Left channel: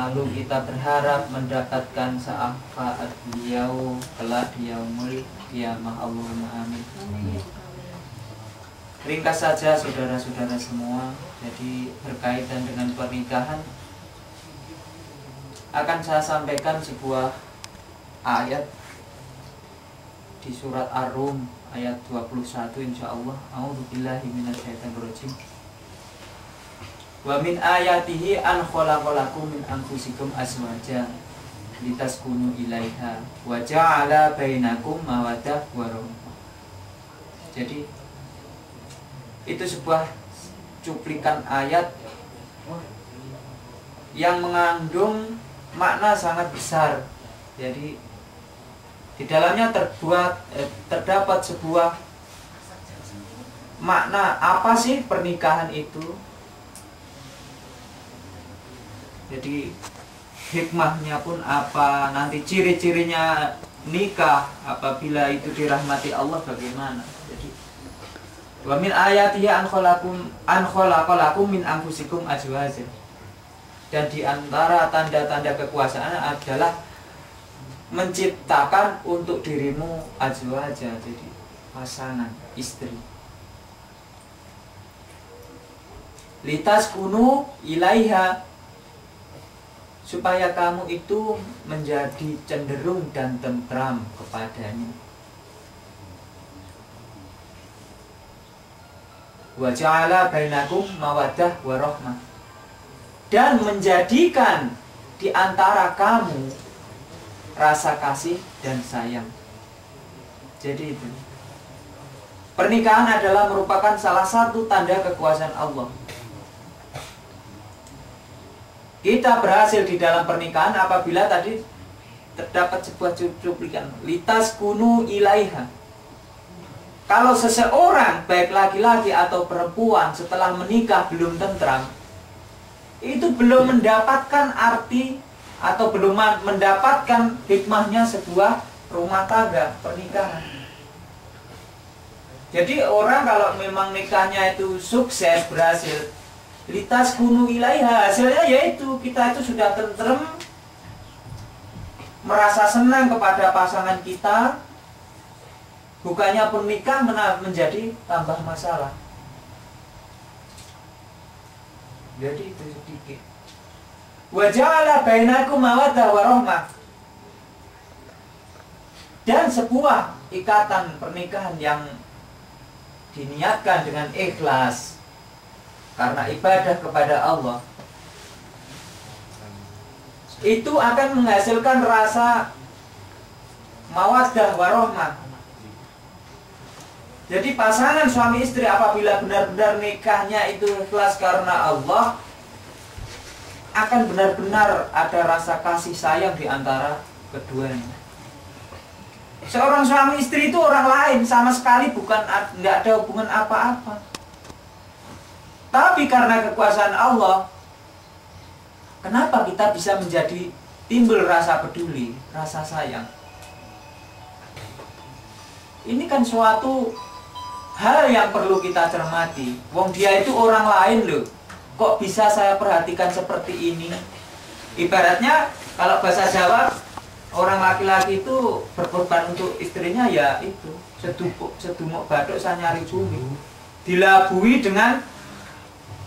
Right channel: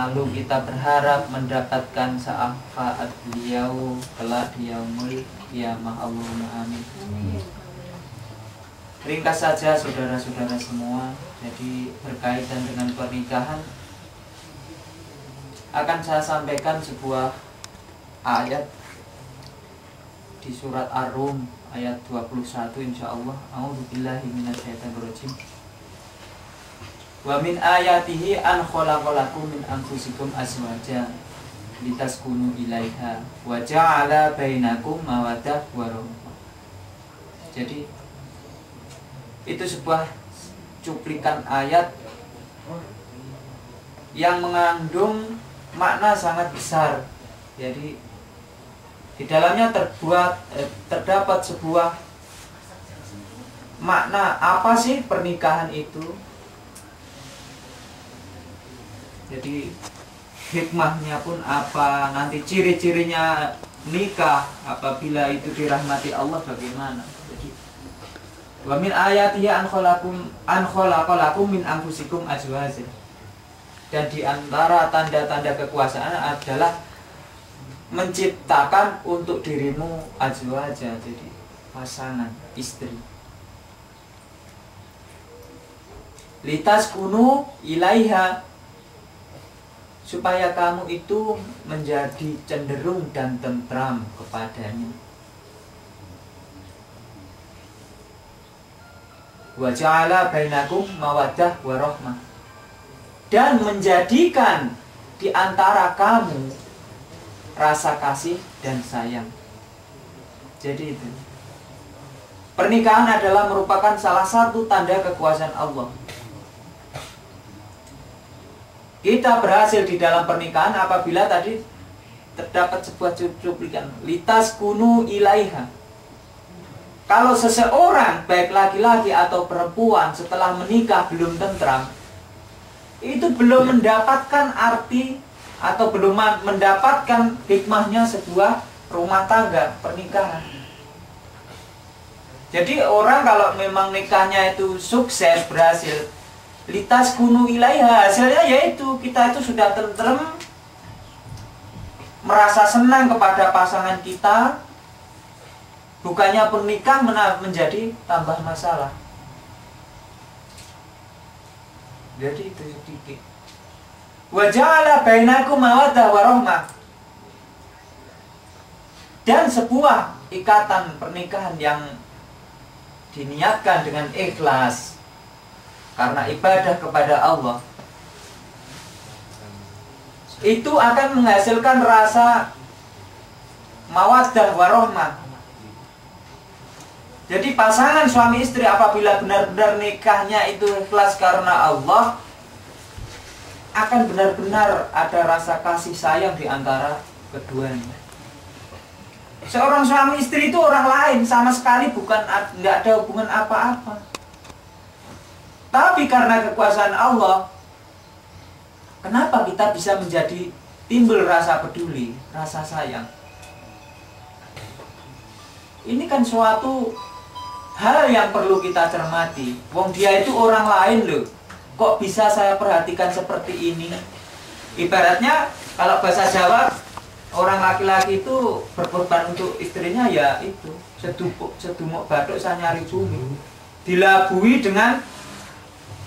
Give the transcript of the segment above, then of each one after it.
lalu kita berharap mendapatkan syafaat beliau kelak di yaumul qiyamah. Allahumma amin. Ringkas saja saudara-saudara semua, jadi berkaitan dengan pernikahan akan saya sampaikan sebuah ayat di surat Ar-Rum ayat 21 insyaallah. A'udzubillahi minasyaitonirrajim. Wa min ayatihi an khalaqalakum min anfusikum azwaja litaskunu ilaiha wa ja'ala bainakum mawaddah wa rahmah. Jadi itu sebuah cuplikan ayat yang mengandung makna sangat besar. Jadi di dalamnya terdapat sebuah makna apa sih pernikahan itu. Jadi hikmahnya pun apa, nanti ciri-cirinya nikah apabila itu dirahmati Allah bagaimana. Jadi wa min ayatihi an khalaqalakum min anfusikum azwaja. Dan di antara tanda-tanda kekuasaan adalah menciptakan untuk dirimu azwaja, jadi pasangan, istri. Litaskunu ilaiha, supaya kamu itu menjadi cenderung dan tentram kepadanya. Wa ja'ala bainakum mawaddah wa rahmah, dan menjadikan di antara kamu rasa kasih dan sayang. Jadi itu pernikahan adalah merupakan salah satu tanda kekuasaan Allah. Kita berhasil di dalam pernikahan apabila tadi terdapat sebuah cuplikan litaskunu ilaiha. Kalau seseorang baik laki-laki atau perempuan setelah menikah belum tentram, itu belum mendapatkan arti atau belum mendapatkan hikmahnya sebuah rumah tangga, pernikahan. Jadi orang kalau memang nikahnya itu sukses, berhasil, litaskunu ilaiha, hasilnya yaitu kita itu sudah tentrem, merasa senang kepada pasangan kita, bukannya pernikahan menjadi tambah masalah. Jadi itu sedikit. Wa ja'ala bainakum mawaddah wa rahmah, dan sebuah ikatan pernikahan yang diniatkan dengan ikhlas karena ibadah kepada Allah, itu akan menghasilkan rasa mawaddah warahmah. Jadi pasangan suami istri apabila benar-benar nikahnya itu ikhlas karena Allah, akan benar-benar ada rasa kasih sayang di antara keduanya. Seorang suami istri itu orang lain, sama sekali nggak ada hubungan apa-apa. Tapi karena kekuasaan Allah, kenapa kita bisa menjadi timbul rasa peduli, rasa sayang? Ini kan suatu hal yang perlu kita cermati. Wong dia itu orang lain loh. Kok bisa saya perhatikan seperti ini? Ibaratnya kalau bahasa Jawa, orang laki-laki itu berkorban untuk istrinya, ya itu sedumuk bathuk sanyari bumi, dilabui dengan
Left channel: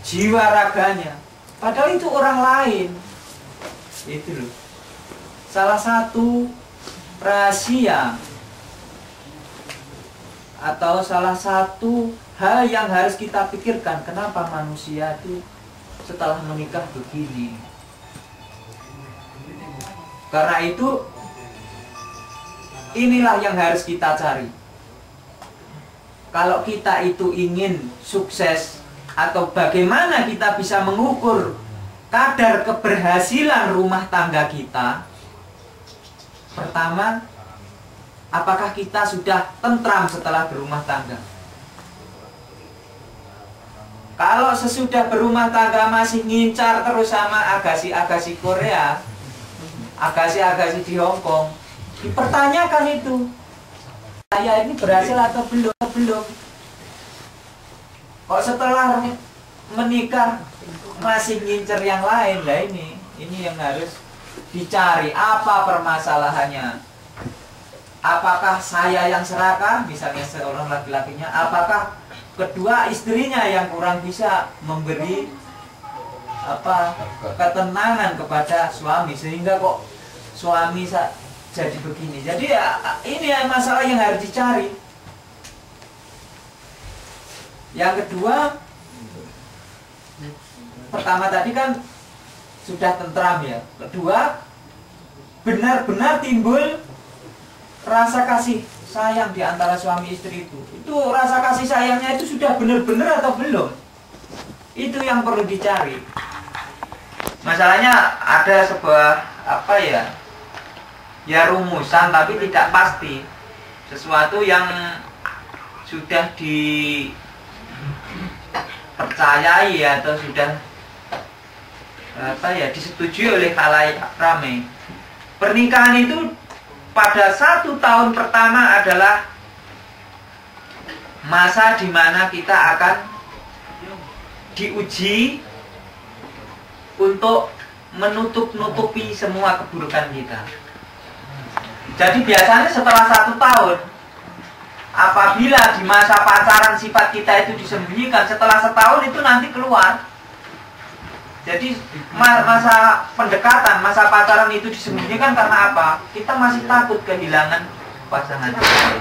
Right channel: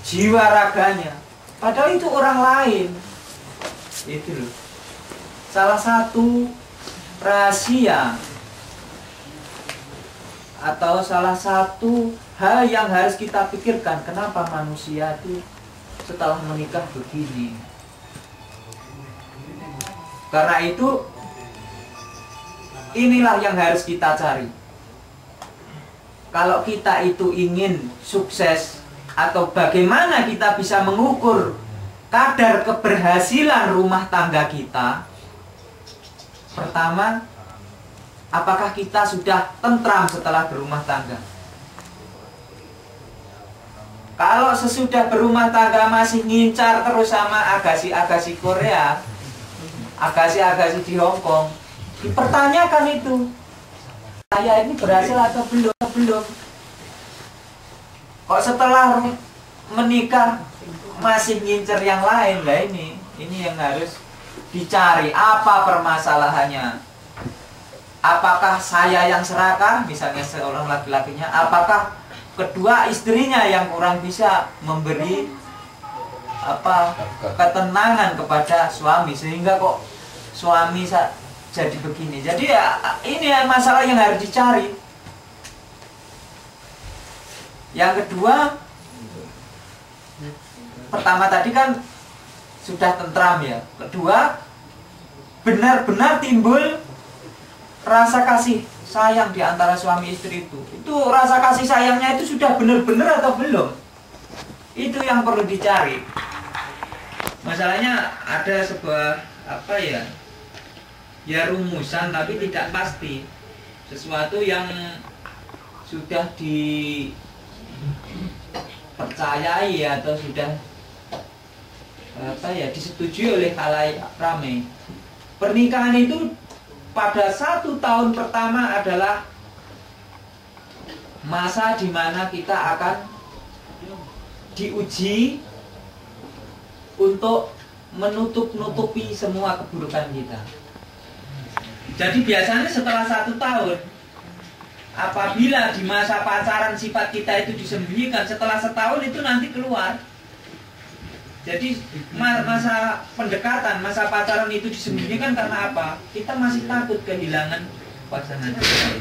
jiwa raganya, padahal itu orang lain. Itu loh salah satu rahasia atau salah satu hal yang harus kita pikirkan, kenapa manusia itu setelah menikah begini. Karena itu inilah yang harus kita cari. Kalau kita itu ingin sukses, atau bagaimana kita bisa mengukur kadar keberhasilan rumah tangga kita, pertama, apakah kita sudah tentram setelah berumah tangga? Kalau sesudah berumah tangga masih ngincar terus sama agasi-agasi Korea, agasi-agasi di Hong Kong, dipertanyakan itu, saya ini berhasil atau belum? Kok setelah menikah masih ngincer yang lain? Lah ini Ini yang harus dicari, apa permasalahannya. Apakah saya yang serakah, misalnya seorang laki-lakinya, apakah kedua istrinya yang kurang bisa memberi ketenangan kepada suami sehingga kok suami jadi begini. Jadi ya, ini masalah yang harus dicari. Yang kedua, pertama tadi kan sudah tentram ya. Kedua, benar-benar timbul rasa kasih sayang di antara suami istri itu. Itu rasa kasih sayangnya itu sudah benar-benar atau belum? Itu yang perlu dicari. Masalahnya ada sebuah ya rumusan tapi tidak pasti. Sesuatu yang sudah dipercayai atau sudah disetujui oleh khalayak ramai. Pernikahan itu pada 1 tahun pertama adalah masa di mana kita akan diuji untuk menutup-nutupi semua keburukan kita. Jadi biasanya setelah 1 tahun, apabila di masa pacaran sifat kita itu disembunyikan, setelah setahun itu nanti keluar. Jadi masa pendekatan, masa pacaran itu disembunyikan karena apa? Kita masih takut kehilangan pasangan kita.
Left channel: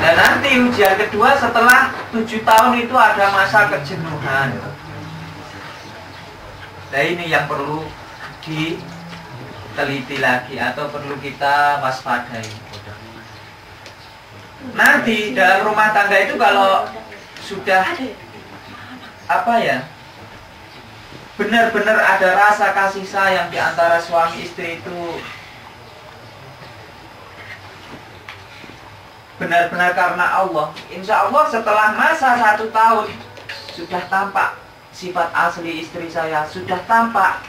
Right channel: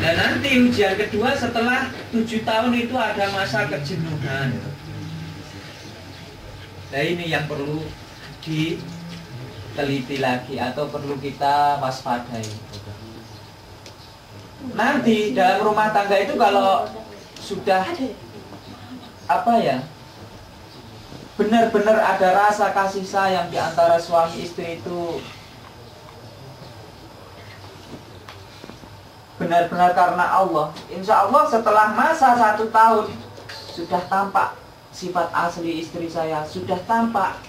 Dan nanti ujian kedua setelah 7 tahun itu ada masa kejenuhan. Nah ini yang perlu diteliti lagi atau perlu kita waspadai. Nanti dalam rumah tangga itu kalau sudah benar-benar ada rasa kasih sayang di antara suami istri itu, benar-benar karena Allah. Insya Allah setelah masa 1 tahun sudah tampak sifat asli istri saya, sudah tampak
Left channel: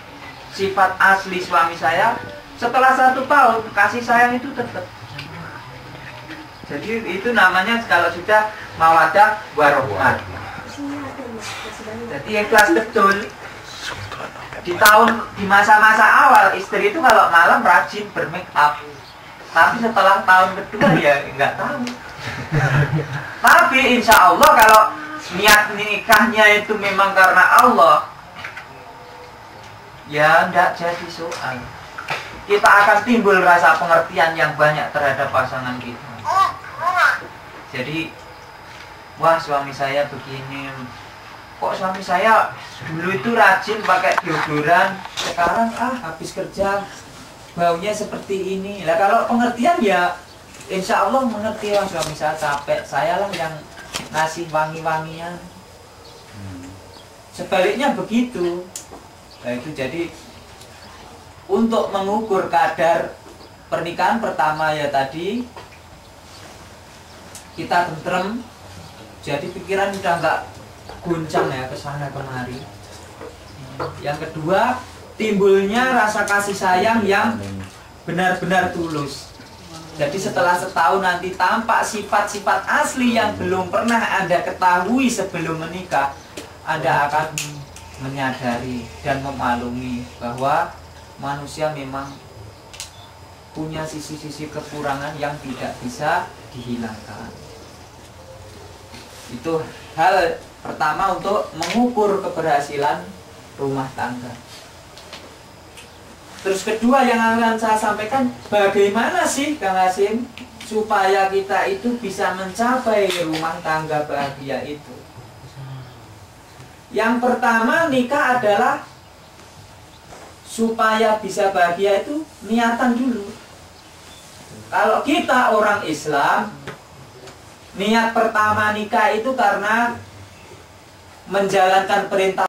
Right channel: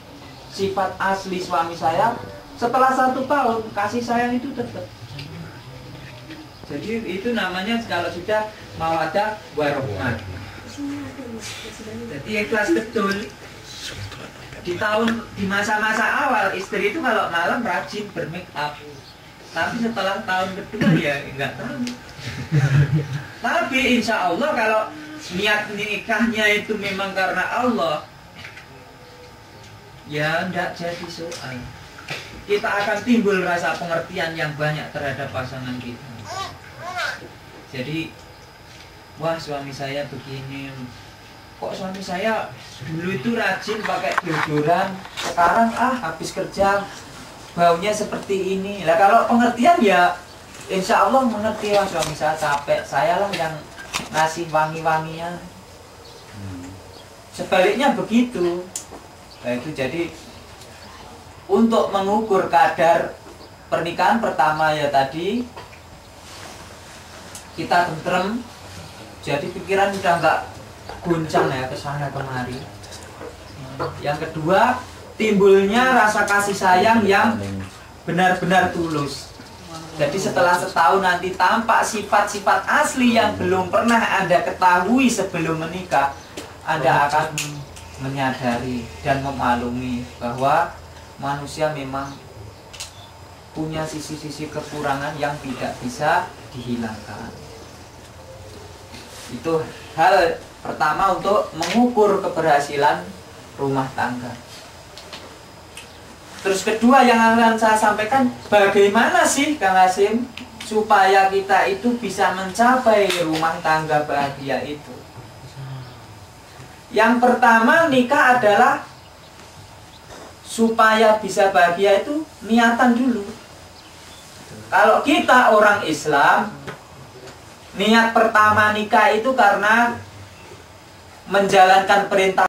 sifat asli suami saya. Setelah 1 tahun kasih sayang itu tetap. Jadi itu namanya kalau sudah mawaddah warohmah. Jadi ikhlas betul. Di masa-masa awal istri itu kalau malam rajin bermake up. Tapi setelah tahun kedua ya nggak tahu. Tapi insya Allah kalau niat nikahnya itu memang karena Allah, ya nggak jadi soal. Kita akan timbul rasa pengertian yang banyak terhadap pasangan kita. Jadi, wah suami saya begini, kok suami saya dulu itu rajin pakai deodoran, sekarang habis kerja baunya seperti ini. Lah kalau pengertian ya insya Allah mengerti, wah suami saya capek, saya lah yang ngasih wangi-wangian. Sebaliknya begitu. Nah itu jadi untuk mengukur kadar pernikahan pertama ya tadi kita tentrem, jadi pikiran udah nggak guncang ya kesana kemari. Yang kedua, timbulnya rasa kasih sayang yang benar-benar tulus. Jadi setelah setahun nanti tampak sifat-sifat asli yang belum pernah Anda ketahui sebelum menikah, Anda akan menyadari dan memaklumi bahwa manusia memang punya sisi-sisi kekurangan yang tidak bisa dihilangkan. Itu hal pertama untuk mengukur keberhasilan rumah tangga. Terus kedua yang akan saya sampaikan, bagaimana sih Kang Hasim supaya kita itu bisa mencapai rumah tangga bahagia itu? Yang pertama, nikah adalah supaya bisa bahagia itu niatan dulu. Kalau kita orang Islam, niat pertama nikah itu karena menjalankan perintah